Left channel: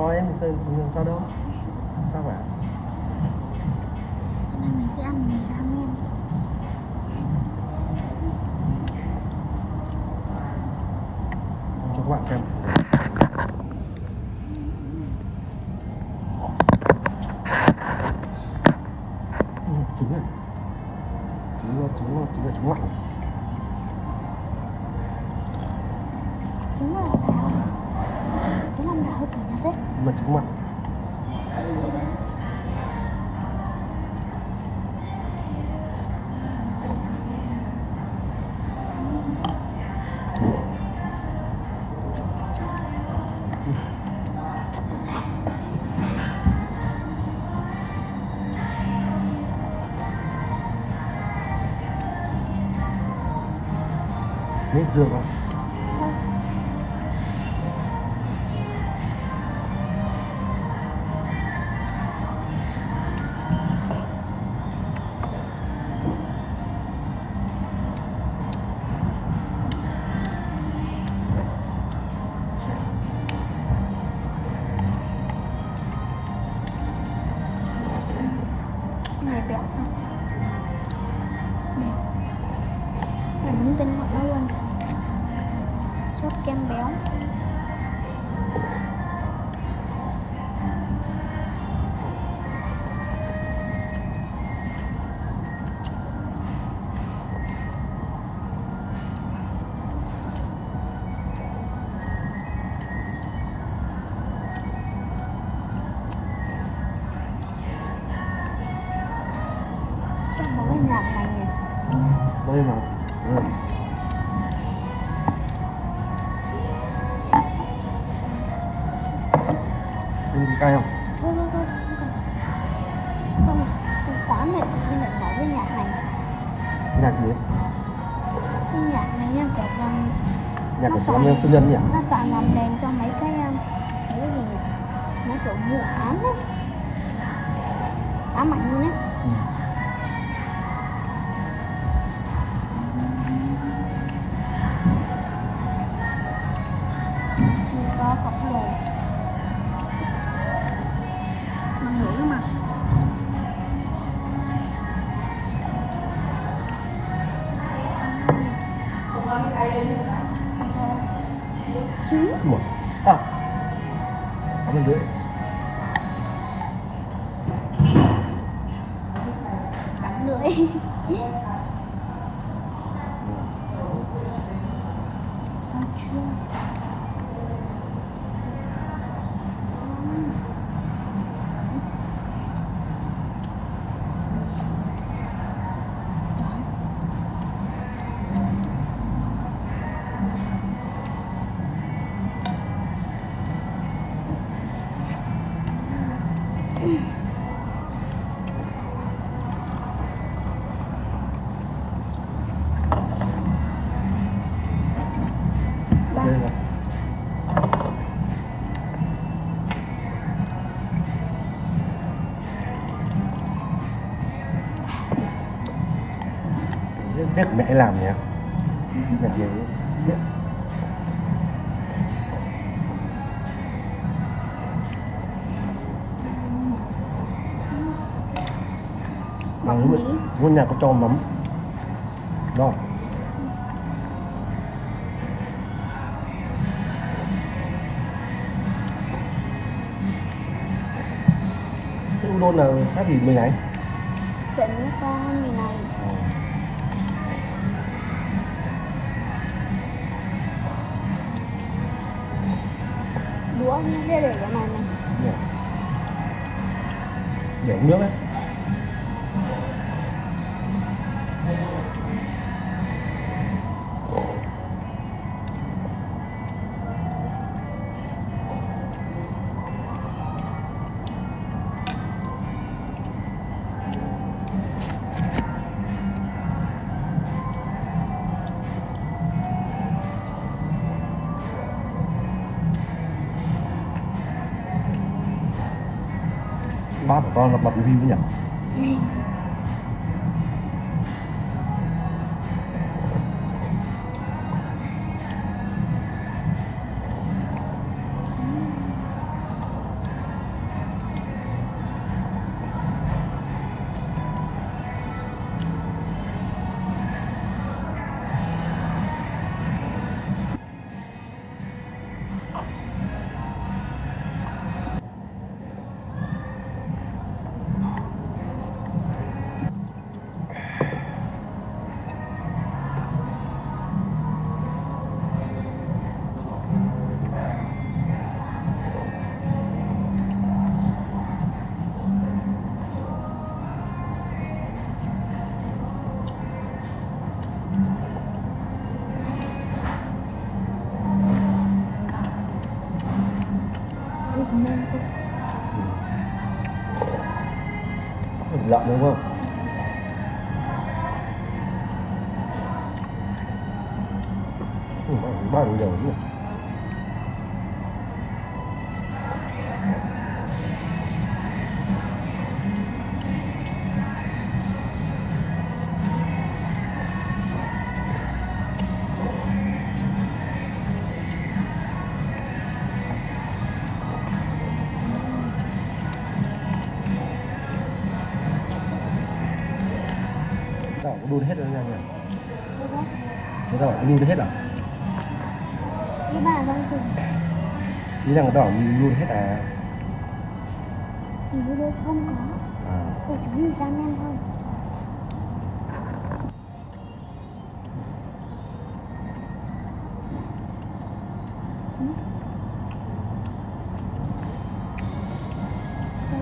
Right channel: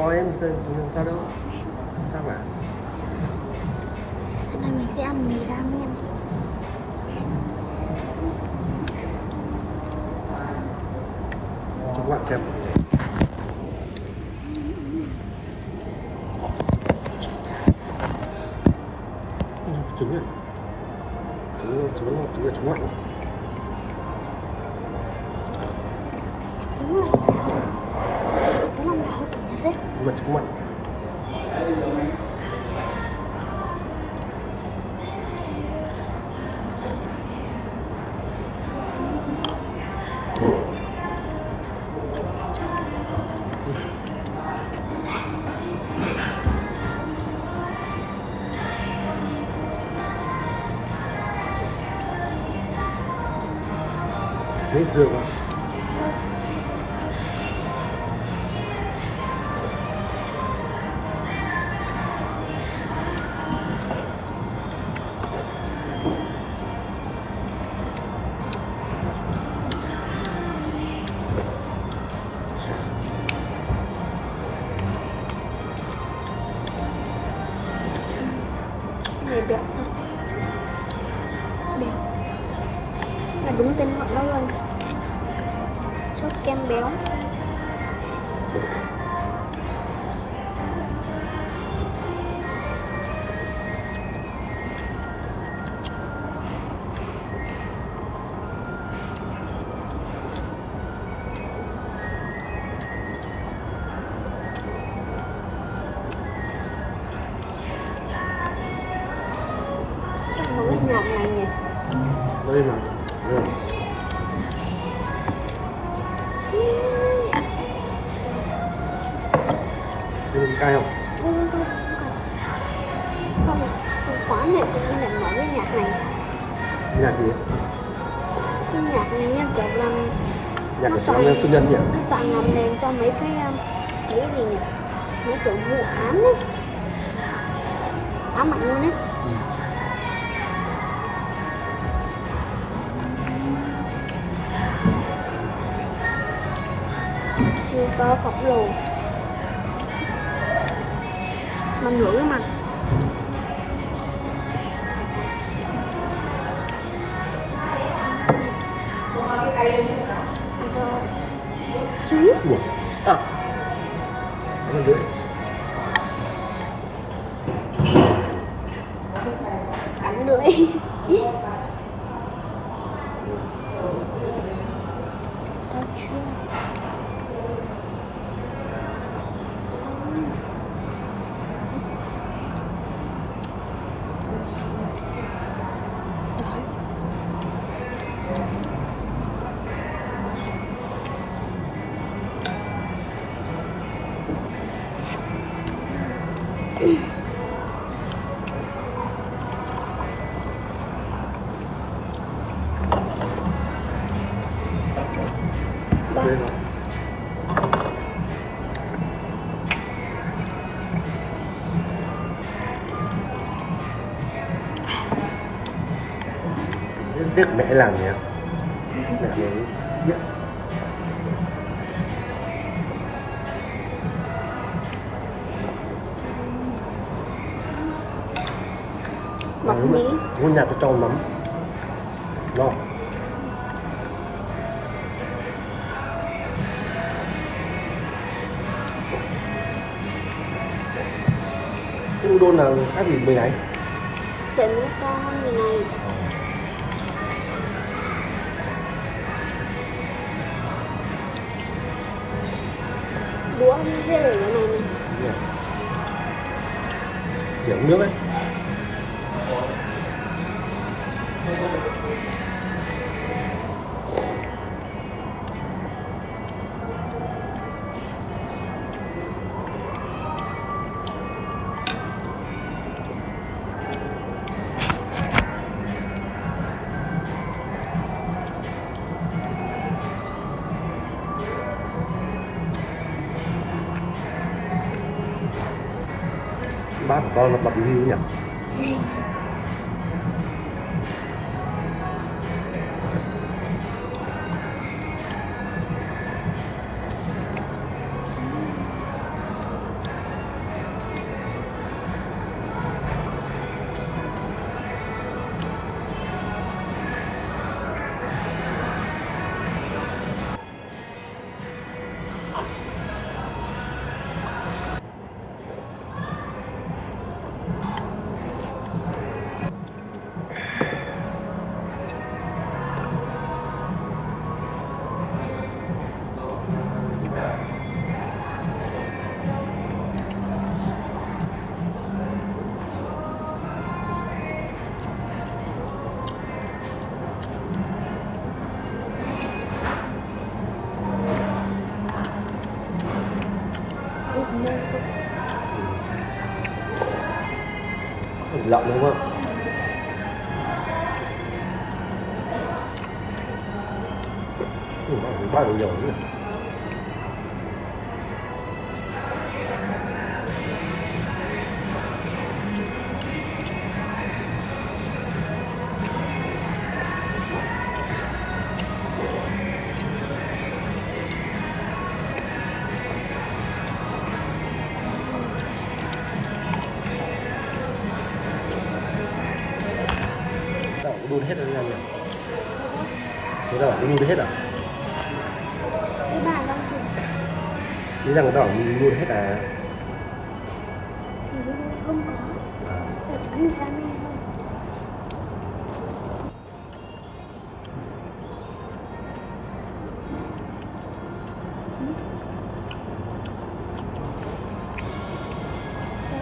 to em sao đâu, sao cả. Hôm nay mình sẽ ăn mì ramen. Cho các bạn xem. Trứng này, trứng mặn. Trứng lòng đào. Cái lòng đào hơi kiểu nhạt đấy. Nhưng mà trứng mặn. Hết dừa vào. Này đẹp thật. Đẹp. Là đúng tên gọi nó luôn. Sốt kem béo. Trong một cái nhạc này nhỉ. Đây mà. Đây. Ăn cay không? Thôi, không cần. Không, quán này tự nhiên lại mở cái nhạc này. Nhạc gì? Cái nhạc này nha, kiểu làm Nhạc nó của toàn Xuân Nhân nhỉ? nó toàn làm đèn cho mấy cái gì nhỉ? Mấy kiểu vụ án ấy. Ám ảnh luôn ấy. Ừ. Siêu to khổng lồ. Mình lưỡi mà. Rồi. Trứng. Ủa? À. Ăn lưỡi. Cắn lưỡi. Tao chưa. Đấy. Ba. Đây rồi. Tiếc mẹ làm nhỉ? Mẹ này biết. Mọc nhí. Ngôi nhà tôi cho nấm. Đó. Cái udon là khác gì mì này? Sợi mía to hơn mì này. Đũa nó sẽ để cái này này. Đúng rồi. Để uống nước ấy. Bác của con là bật review nhỉ? nơi tôi Rộng đúng không? Bao nhiêu dầu nhỉ? Tao có đun hết rồi ăn rồi. Thế tao bảo có đun hết à? cái bà đang chừng Lý rằng tao bảo mình đun hết à? hình như đâu không có, tôi chỉ mình ra men thôi.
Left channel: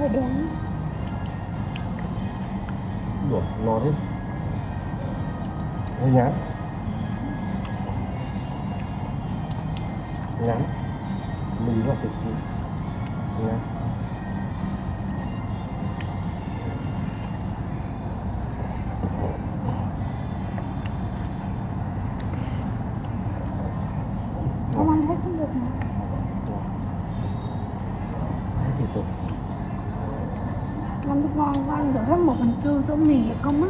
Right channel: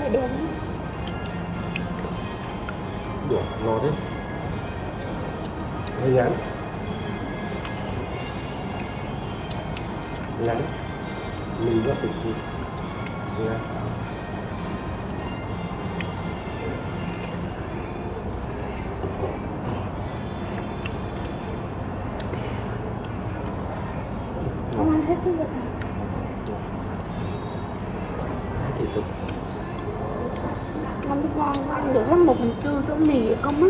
Đây đen Đùa, no thế. Hơi ngắn. Ngắn. Mình có thịt đi. Ngắn. không ăn hết cái việc này. Thịt thực. Ăn thức ngon quá, ăn được hết 1/4 tô mì không á.